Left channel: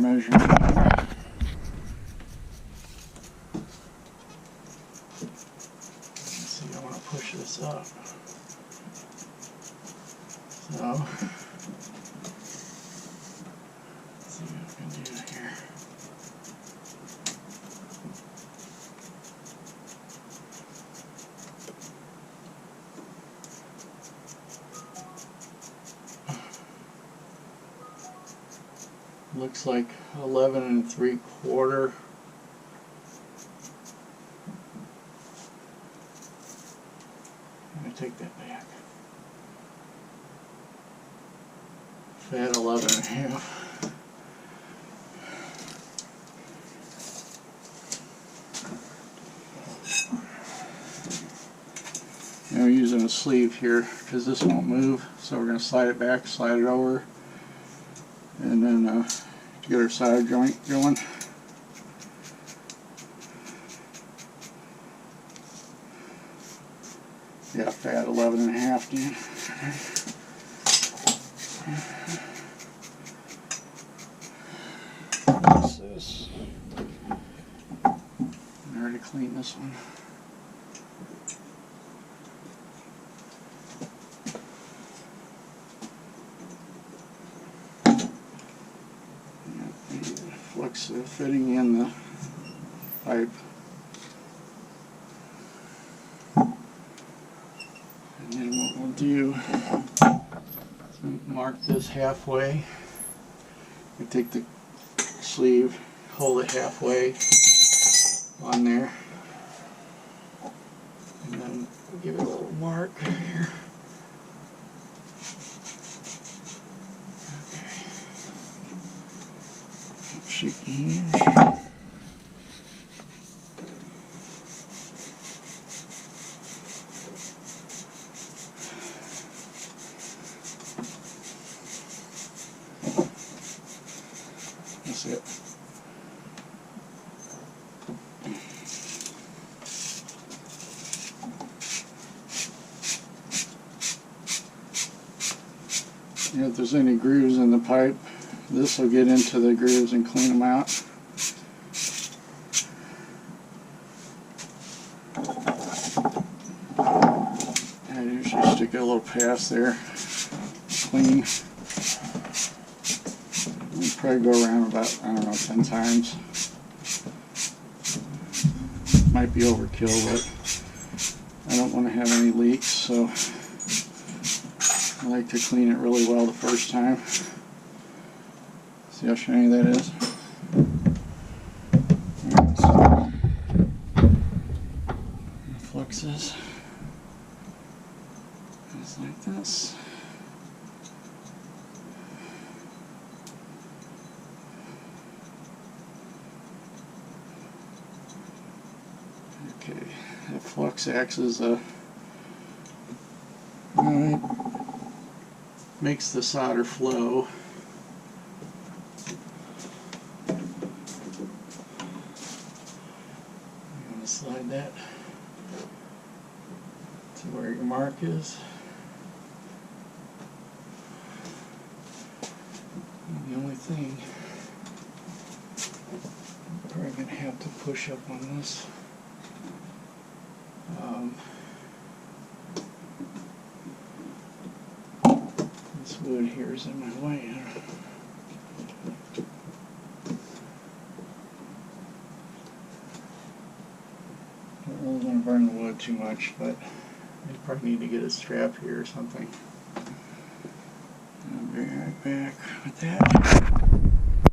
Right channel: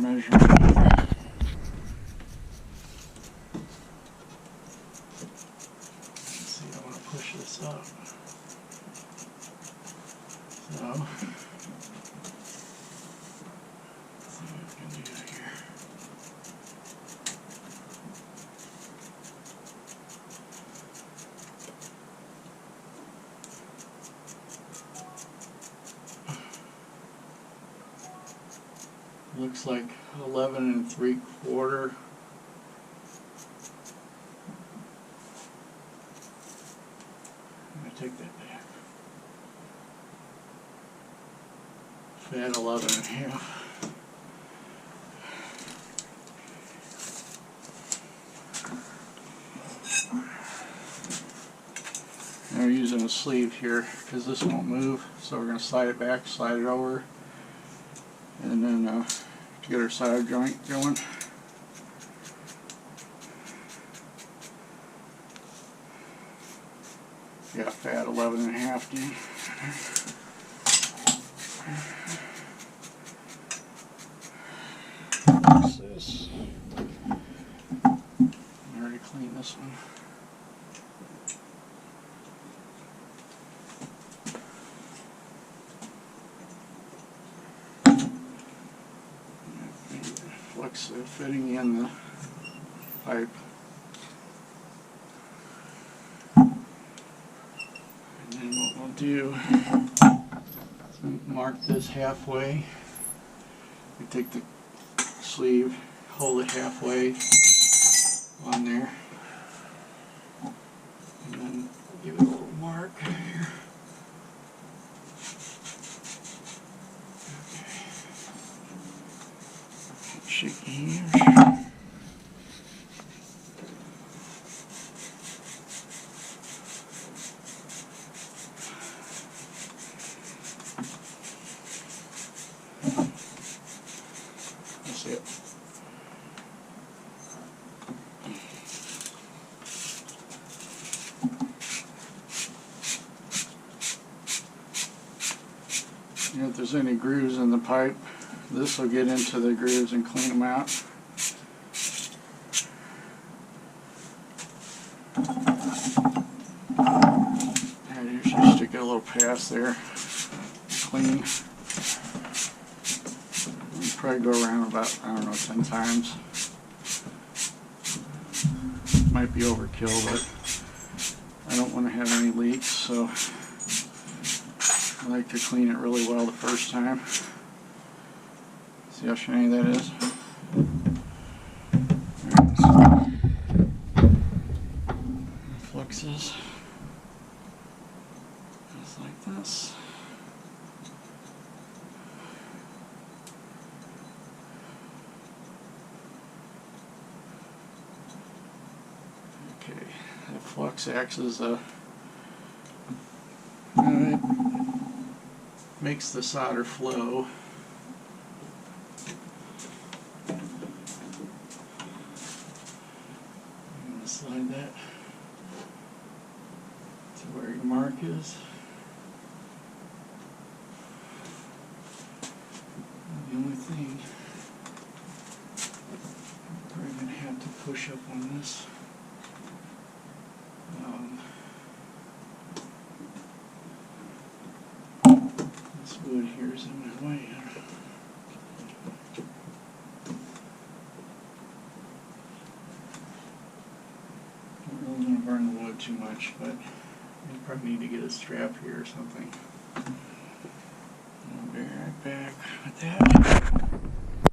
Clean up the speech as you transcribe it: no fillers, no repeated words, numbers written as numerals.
measurement here. Let's see, I want to push this up. So, let's see what I can do here. Looks like 11 3/4. I take that back. Fat 11.5. Now we're using a sleeve here because this won't move, so we're going to slide it back, slide it over, and then get our solder joint going. Yeah, fat 11.5, Dan. What's this? I already cleaned this one. Flux fitting in the pipe. And then what we'll do is mark this halfway. We take the sleeve, hold it halfway on there, and then give it a little mark here. Shaky hands. That's it. You know, if there's any grooves in the pipe, this will get into the grooves and clean them out. I usually stick a little past there, clean. You probably go around about, I don't know, 10 times. Might be overkill, but I don't want to have any leaks, so I like to clean it really well the first time. See how shiny that is? Alright, so fluxes just like this. Okay, that flux acts as a makes the solder flow. Slide that to where your mark is. And the only thing, I'm probably going to have to push up on this. This wood here is in my way. Don't really want to burn the wood too much, but you probably need to get a strap here or something. I'll be right back with that.